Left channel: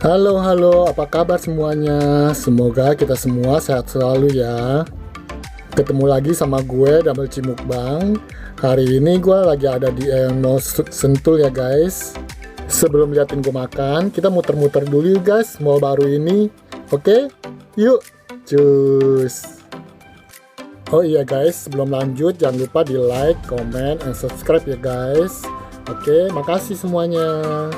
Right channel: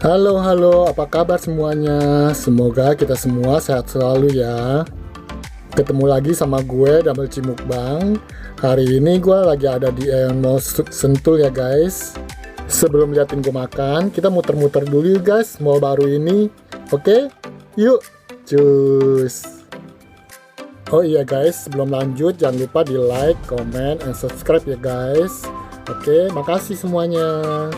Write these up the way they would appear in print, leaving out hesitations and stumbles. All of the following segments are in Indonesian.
Halo, halo, apa kabar semuanya? Semoga kita semua sehat selalu ya. Ketemu lagi sama gue, Double C Mukbang. Hari ini gue lagi ada di Mall Sentul ya guys. Sebelum liatin gue makan, kita muter-muter dulu yuk guys, mall baru ini. Oke? Yuk, cus. Oh iya guys, sebelum lanjut jangan lupa di like, comment, and subscribe ya guys. Oke, makasih semuanya.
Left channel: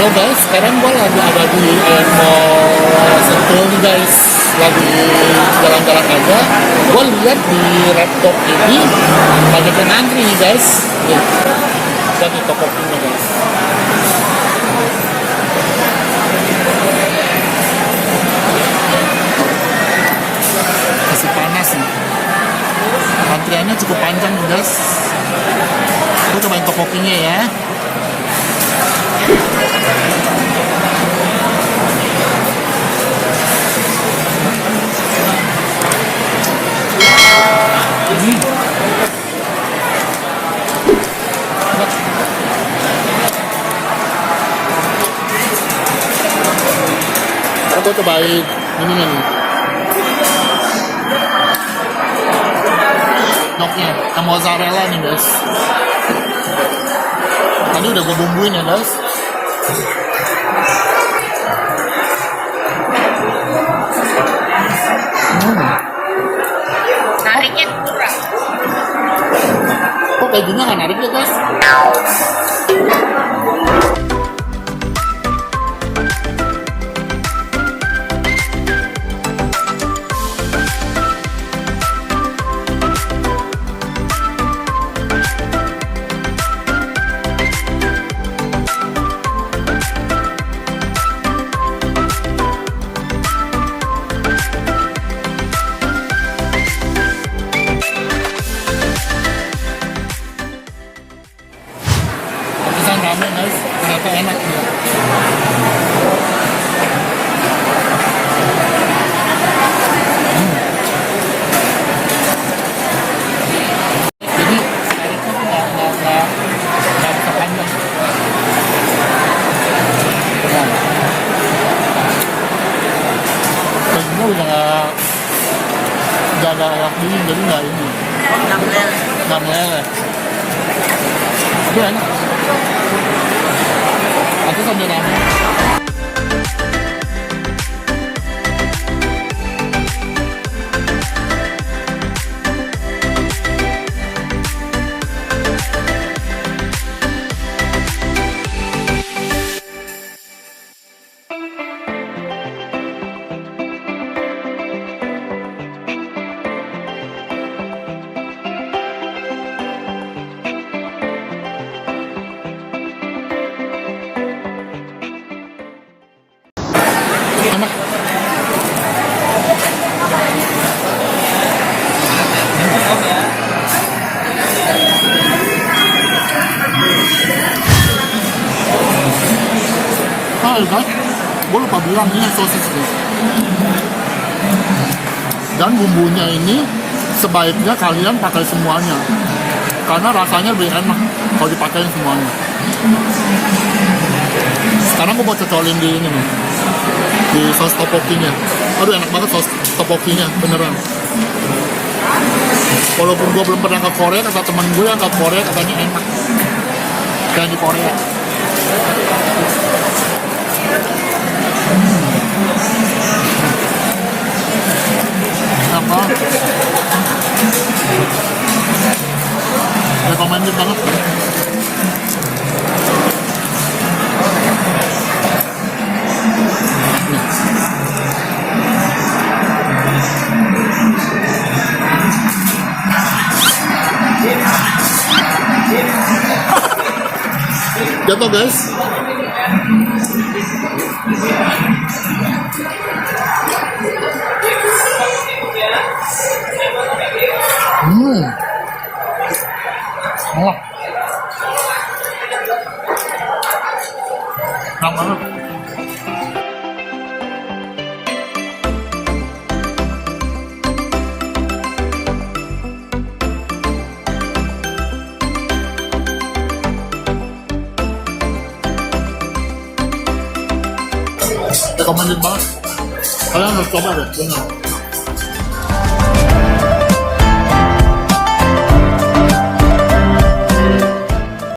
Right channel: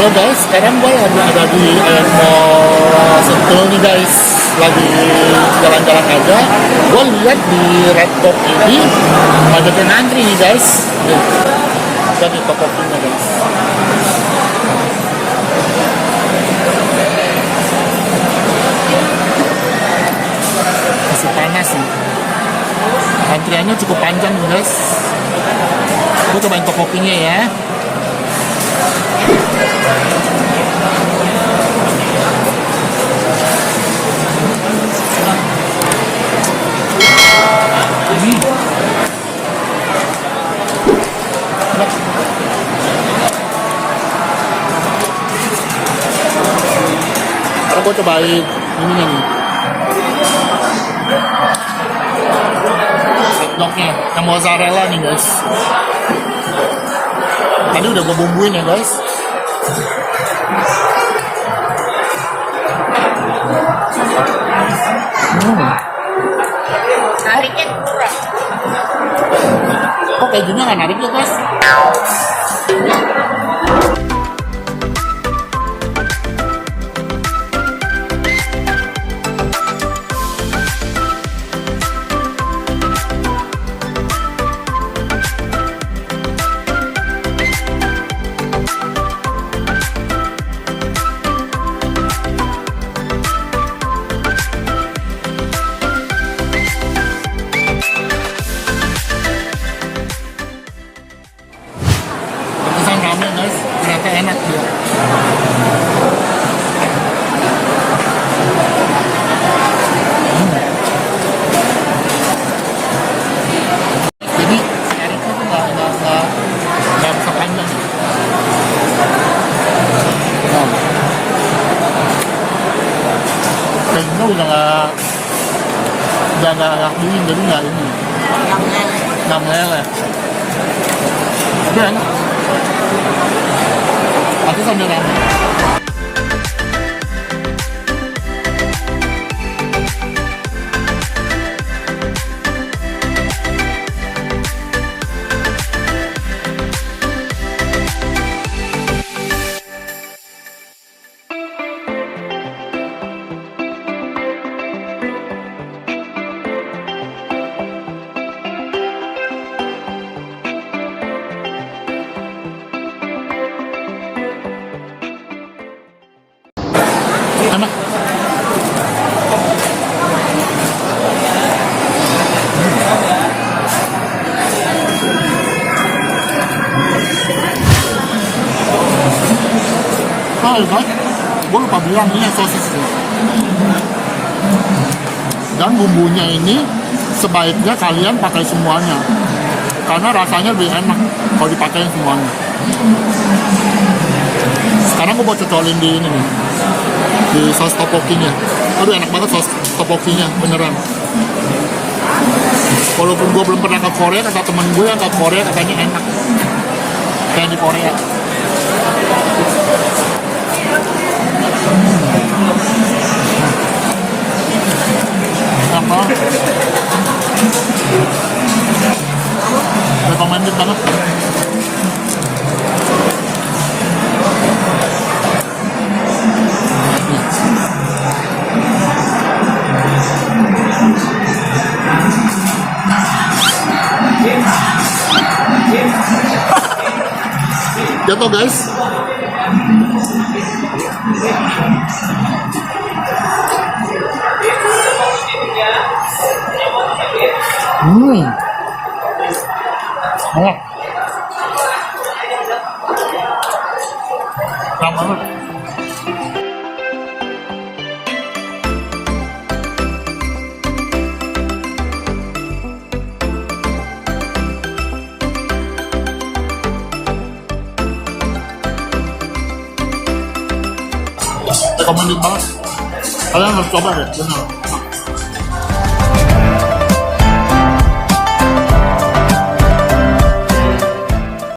Halo guys, sekarang gue lagi ada di Mall Sentul nih guys. Lagi jalan-jalan aja. Gue lihat di Red Box ini banyak yang ngantri nih guys. Nih, jadi topokinya guys. Masih panas nih. Antriannya cukup panjang nih guys. Gue cobain topokinya ya. Sekarang gue cobain ininya nih, hotdognya, yang mozzarella nih guys. Tadi udah gue bumbuin ya guys. Nariknya kurang. Kok kejunya nggak narik ya guys? Terkesan rame guys, ternyata enak dia. Jadi tarifnya tuh nggak bisa panjang. Nah, kejunya udah nggak dingin, jadi nggak ini, nggak meleleh. Tapi enak. Aku sambil rame. Enak. Guys, gue lupa bilang ini sosis sih. Dan bumbunya ini sebaiknya kalian pakai semuanya, karena rasanya lebih enak kalau dipakai semuanya. Sekarang gue mau cocolin di ini nih, di saus topokinya. Aduh enak banget saus topokinya, beneran. Walaupun gue belum pernah ke Korea, kata temen gue yang ke Korea katanya enak kayak di Korea. Enak banget, recommended banget. Jatuh guys. Enak. Enak banget. Recommended banget. Kalian harus coba deh, bener.